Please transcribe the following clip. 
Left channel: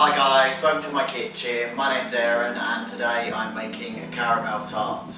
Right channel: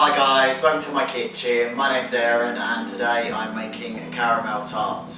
Hi guys, welcome to my kitchen. My name's Aaron and today I'm making a caramel tart.